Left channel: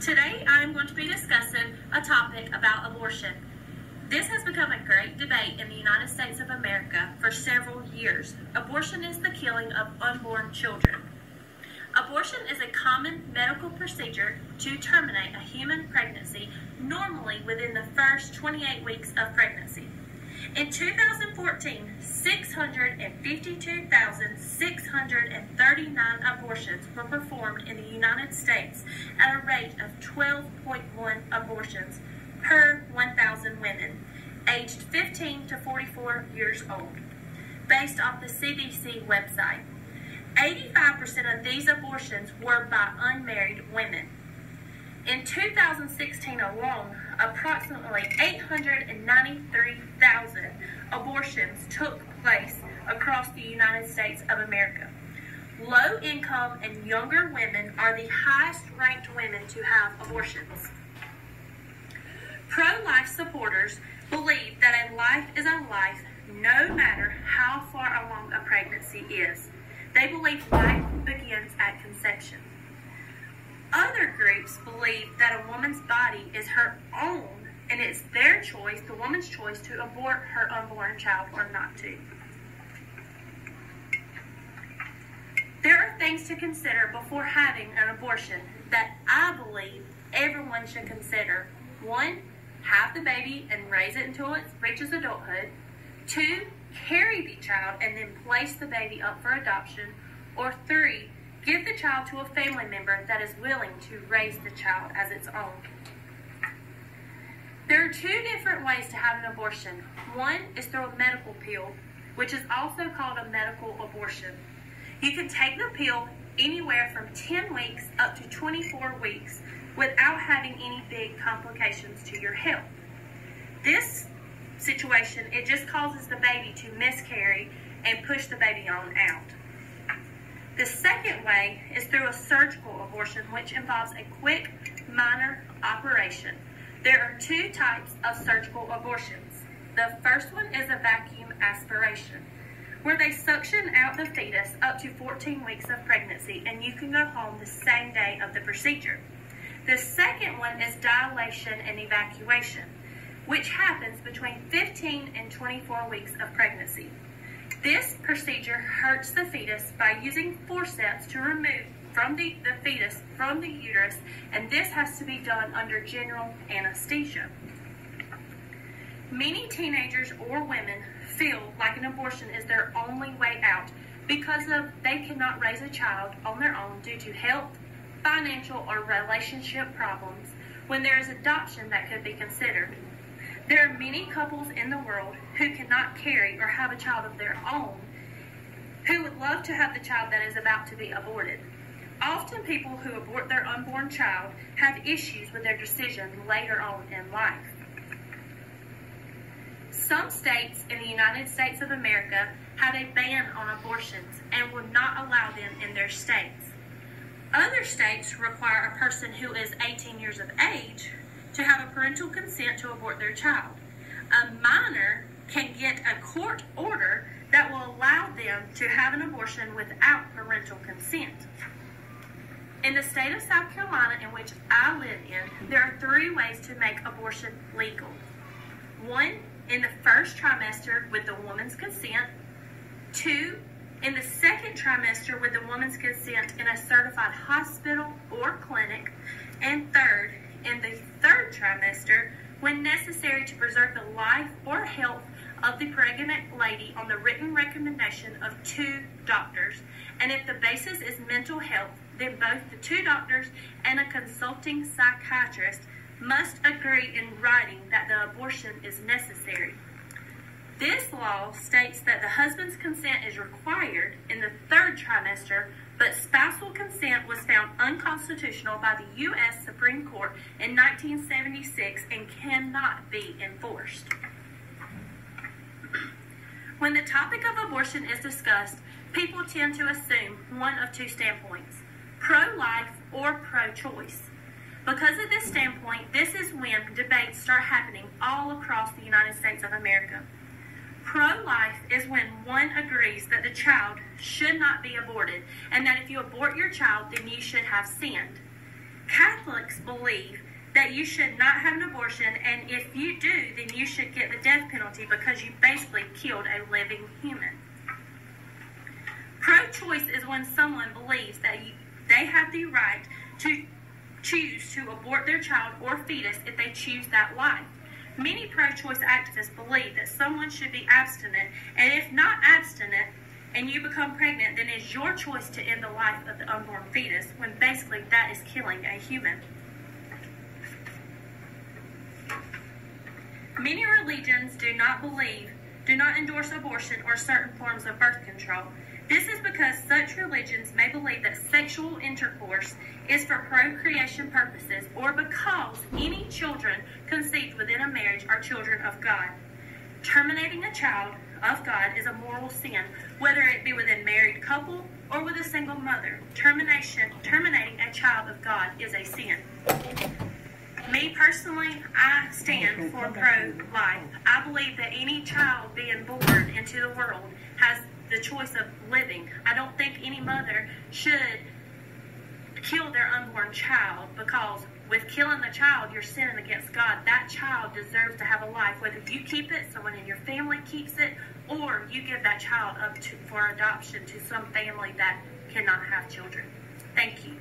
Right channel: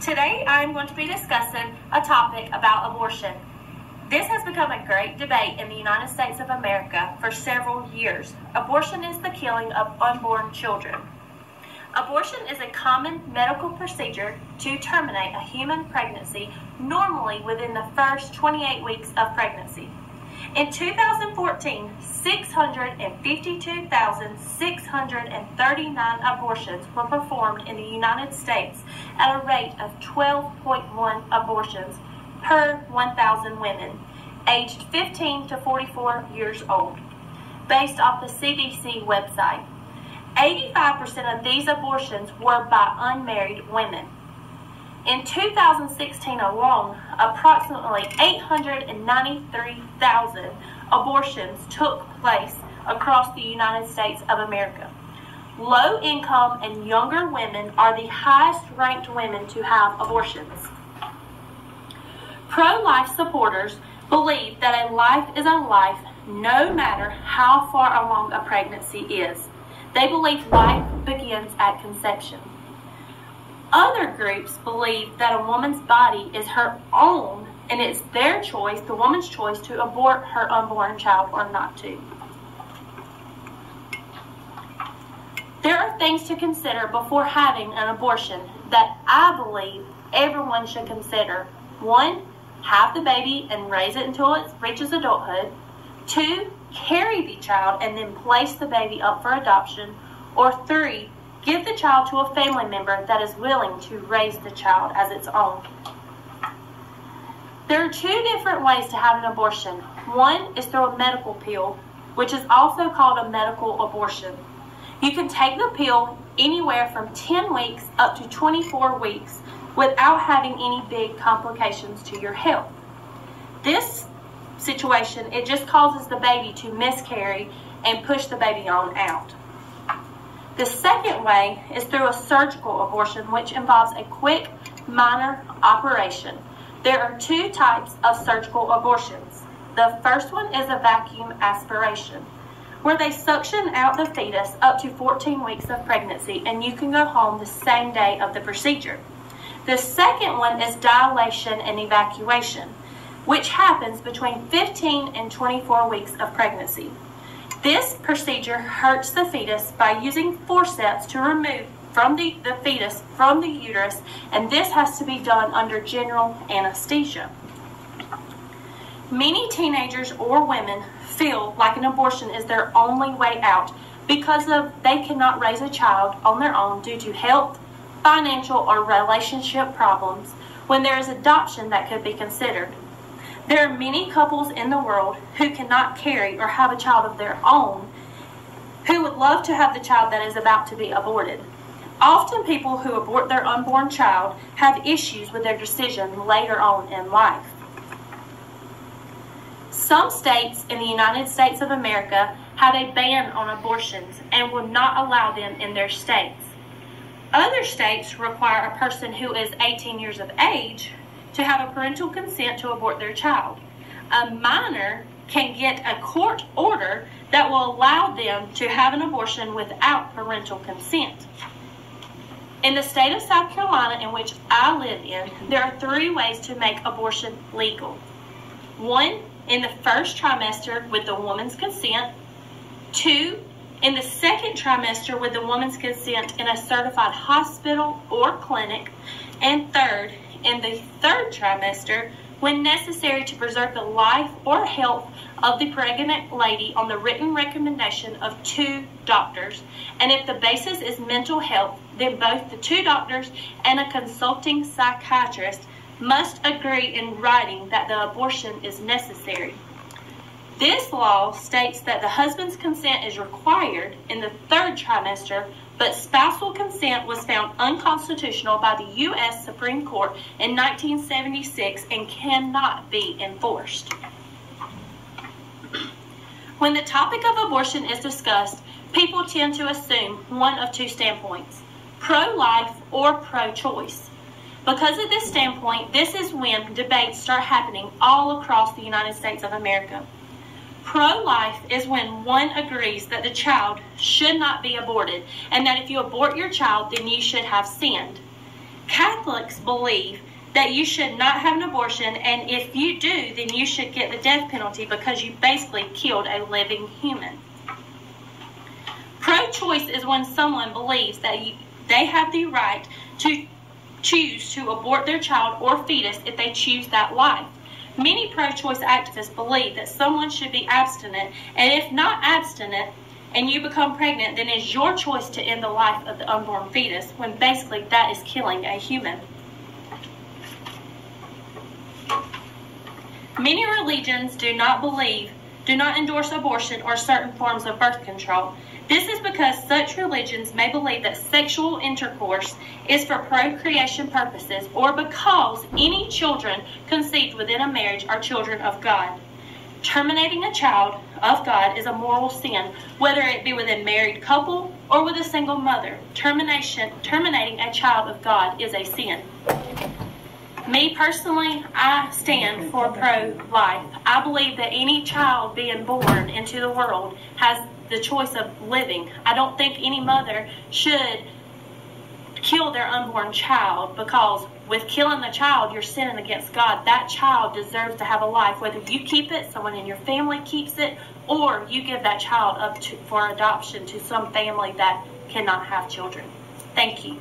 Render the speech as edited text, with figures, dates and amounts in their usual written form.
Today I'm going to be discussing a topic about abortion. This has become a great debate in the United States of America for several years. Abortion is the killing of unborn children. Abortion is a common medical procedure to terminate a human pregnancy, normally within the first 28 weeks of pregnancy. In 2014, 652,639 abortions were performed in the United States at a rate of 12.1 abortions per 1,000 women aged 15 to 44 years old, based off the CDC website. 85% of these abortions were by unmarried women. In 2016 alone, approximately 893,000 abortions took place across the United States of America. Low-income and younger women are the highest-ranked women to have abortions. Pro-life supporters believe that a life is a life no matter how far along a pregnancy is. They believe life begins at conception. Other groups believe that a woman's body is her own and it's their choice, the woman's choice, to abort her unborn child or not to. There are things to consider before having an abortion that I believe everyone should consider. 1, have the baby and raise it until it reaches adulthood. 2, carry the child and then place the baby up for adoption. Or 3, give the child to a family member that is willing to raise the child as its own. There are 2 different ways to have an abortion. One is through a medical pill, which is also called a medical abortion. You can take the pill anywhere from 10 weeks up to 24 weeks without having any big complications to your health. This situation, it just causes the baby to miscarry and push the baby on out. The second way is through a surgical abortion, which involves a quick, minor operation. There are 2 types of surgical abortions. The first one is a vacuum aspiration, where they suction out the fetus up to 14 weeks of pregnancy, and you can go home the same day of the procedure. The second one is dilation and evacuation, which happens between 15 and 24 weeks of pregnancy. This procedure hurts the fetus by using forceps to remove the fetus from the uterus, and this has to be done under general anesthesia. Many teenagers or women feel like an abortion is their only way out because they cannot raise a child on their own due to health, financial, or relationship problems, when there is adoption that could be considered. There are many couples in the world who cannot carry or have a child of their own who would love to have the child that is about to be aborted. Often people who abort their unborn child have issues with their decision later on in life. Some states in the United States of America have a ban on abortions and will not allow them in their states. Other states require a person who is 18 years of age to have a parental consent to abort their child. A minor can get a court order that will allow them to have an abortion without parental consent. In the state of South Carolina, in which I live in, there are 3 ways to make abortion legal. 1, in the first trimester with the woman's consent. 2, in the second trimester with the woman's consent in a certified hospital or clinic. And 3rd, in the 3rd trimester, when necessary to preserve the life or health of the pregnant lady on the written recommendation of 2 doctors. And if the basis is mental health, then both the 2 doctors and a consulting psychiatrist must agree in writing that the abortion is necessary. This law states that the husband's consent is required in the 3rd trimester, but spousal consent was found unconstitutional by the U.S. Supreme Court in 1976 and cannot be enforced. When the topic of abortion is discussed, people tend to assume one of 2 standpoints: pro-life or pro-choice. Because of this standpoint, this is when debates start happening all across the United States of America. Pro-life is when one agrees that the child should not be aborted, and that if you abort your child, then you should have sinned. Catholics believe that you should not have an abortion, and if you do, then you should get the death penalty because you basically killed a living human. Pro-choice is when someone believes that they have the right to choose to abort their child or fetus if they choose that life. Many pro-choice activists believe that someone should be abstinent, and if not abstinent and you become pregnant, then it's your choice to end the life of the unborn fetus, when basically that is killing a human. Many religions do not endorse abortion or certain forms of birth control. This is because such religions may believe that sexual intercourse is for procreation purposes, or because any children conceived within a marriage are children of God. Terminating a child of God is a moral sin, whether it be with a married couple or with a single mother. Terminating a child of God is a sin. Me personally, I stand for pro-life. I believe that any child being born into the world has the choice of living. I don't think any mother should kill their unborn child, because with killing the child, you're sinning against God. That child deserves to have a life, whether you keep it, someone in your family keeps it, or you give that child up for adoption to some family that cannot have children. Thank you.